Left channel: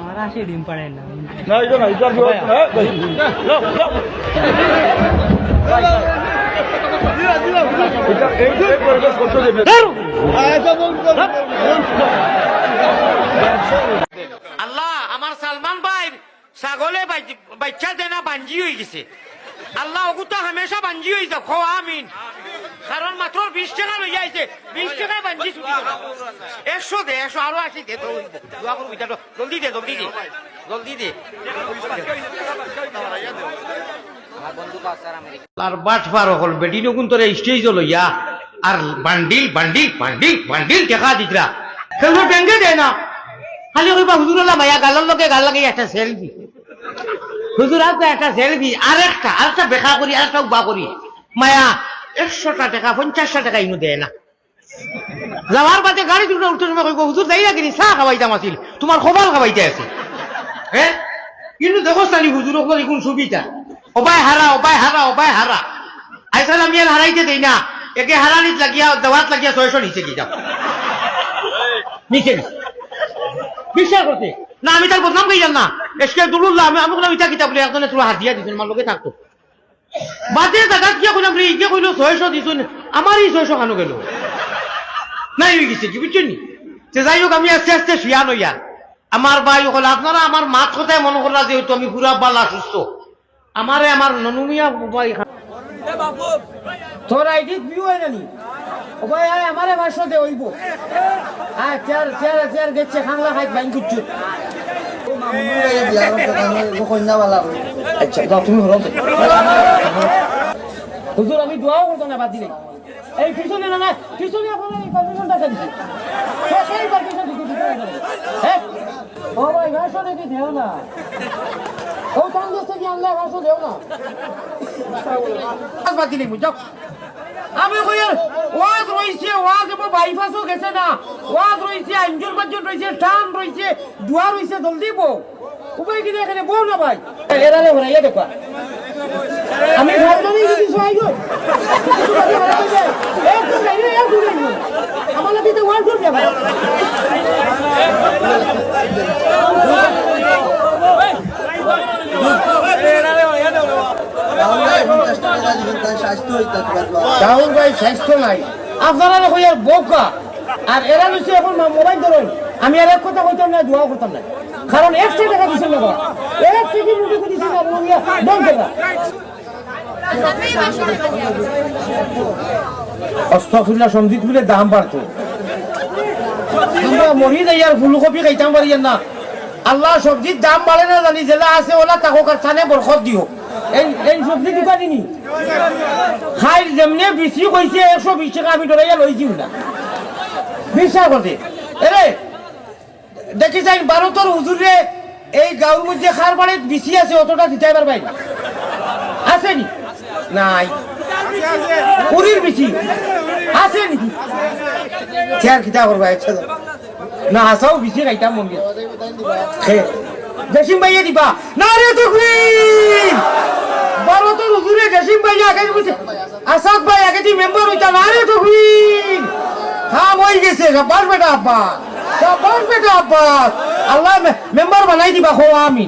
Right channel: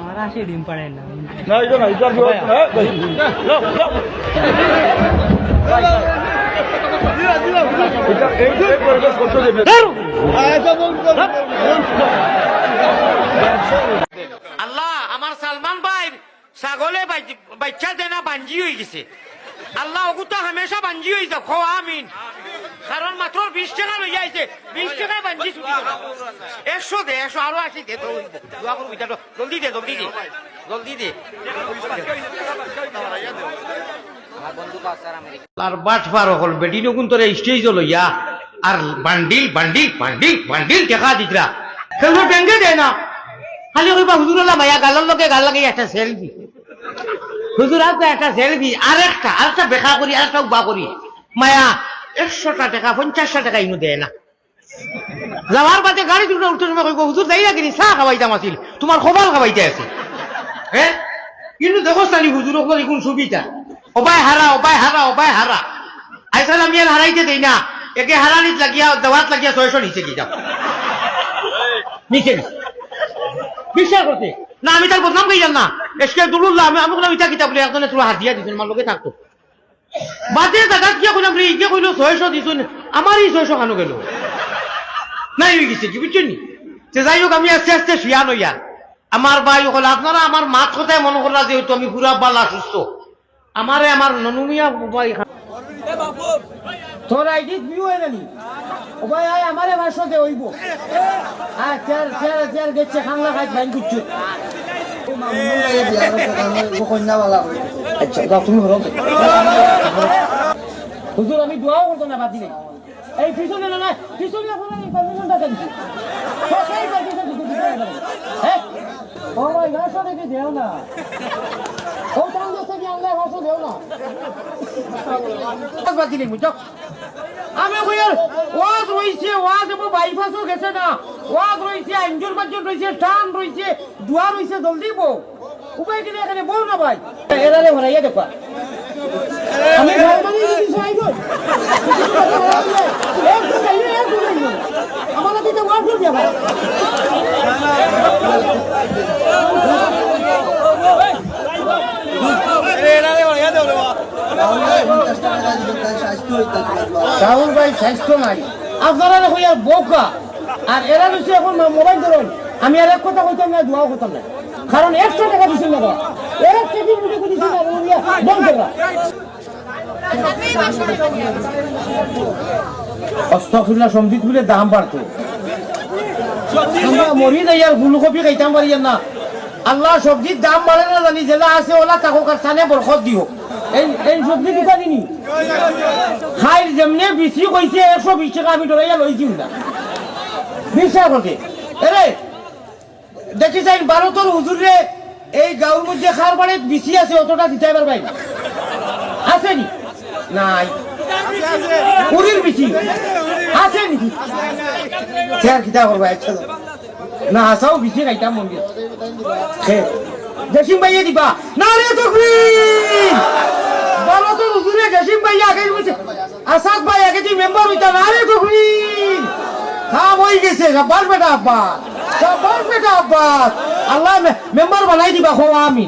আমার আসে ডিম পাড়েন না না এটা না এটা আল্লাহ আমার সালমান ভাই ছাগলে বাচ্চা দেনা বাঞ্জি হয়ে গেছে আল্লাহ ওগুতা হামেশা বাঞ্জি হয়ে যাও খো আমিন কারণ মাত্র 20 টাকা লইয়া আইছে 20 টাকায় বাঞ্জি ছুটি 100 দে 100 আরো 80 দে তো দোয়া করবি তো জলদি দে আর বাট পার হল বেটি নকুন তোরে স্টেজ লইয়া আর বান্ডিল টাকা দিতরা খেলবো ব্যাংকে দেয় না খালি কইবা হুজুর আল্লাহ ভাইয়া গালের লগে গাল লাগে একটা সেলফি হুজুর আপনি একটা সেলফি আরেকটা বেকা করি আরেকটা বা করি মায়া 100টা টাকা 50টা টাকা ইনু দেয় না যাওয়ার বাদে গাড়ি দুটো উঠতে সময় কইব হুজুর যাই রাখিনি চা খাওয়াইতাম আছিল তোমার খবর খাওয়াইতে আছে হ্যাঁ কিন্তু দেখো সানি হুজুর ওগুলো কোন সুবিধা ওবাই হারা আইসাল আমি আর হারাইতে দেই না একে হারানিত লাগিয়া দাওয়াত লাগিয়া 600 নিচে গিয়ে যাও নিচে বিশ্বাস করতে না আমি তার বদনাম কইলাম না এসকে দুলুল্লাহ আমি আমাকে ওইটা কিতাব বলে একজনে তোর হাত দিয়া দিছেন আমার লগে থাকতো বাদে দাদা কি কইলাম রে ইকে কইলো 600 দিছেন আমারই 600 খানো গেল নাই হয়ে গেছে কি বুঝছেন সে যাই হোক আমি আস্তে আস্তে শুয়া নইয়া আমার ভাই হল আপনারা আমার মাত কথায় মনে করলা যেহেতু আমি পুরা বালা সুস্থ আমারে আমার ননুমিয়া ভাই তোর আইডি ভিউ হয় নানি ও ভাই আমারে ভাষা দে হইব আর চার গেছে খানলা খাই বাইন করছে আচ্ছা দাও তুমি হলো হুজুর আমি দোয়া করব না বাদ দিলে এই পিছনে আপনারা এই 5 মিনিট টাকা দিছে সবাই বাকি হ্যাঁ ও ভাই ভাষা দেখি দেও না ও টান দছে কি আল্লাহ ভাষা দেও না বাদ দিলে বুঝছো আমি কইয়ার ওয়াজ রইছে ওয়াজ মো বাইপাসও গেছে না ওয়াজ রইছে আঞ্জুর বাজন রইছে টান রইছে দুয়া রইছে জলদি বো উপায় কি এখানে বউ না ভাই এরারে হরাইয়া দেখো আমি ভাবনি কিছু আইগো আমার লাগি তো ওয়াজ করবে ভাই কারণ ভাই স্বাস্থ্য নাই আপনারা কইয়া বোকা আর এরা হচ্ছে এখন মোবাইল ধরেন আমি আর এক কথা কইতাম না দোয়া করতাম না কারণ 100 টাকা দিছেন না এক কেজি মুড়ি দিছেন না অস্তফুল্লাহ সঞ্জিত বলে দাম বাড়তো আমরা মরি যাই আর ফুলকপি খাইতাম পারি না আল্লাহ সবজির দাম বাড়ে না জানি জেলা আছে ওলা তাকো কারখানে বরকত দিও এই সবজি দিবা দিনি খাই যেমনে বেশি কইছে 120 টাকা আমি ডরাইয়া লইছি না বিশ্বাস করতে এরে দেখি যাই ভারতের হুজুরে এই গাঁওর মধ্যে খার বাড়ি বেশি আছে অতটা দিতে পারবাই না আছে নি নাই পুরীর বেশি আছে নি চেয়ার খিতা করবা না আসাও বেশি খাইতাম মন্দির দেশিম ভাইয়া দিবা না রে তকবীর ভারতের হুজুরে দেশিম ভাইয়া আগে বলছে আসাদ ভাই আগে যে মেম্বার হইতা না রে তকবীর হ্যাঁ হয়ে গেছে সবার বেটা আব্বাস আল্লাহ মেম্বার বানাই দিবা খোয়া আমি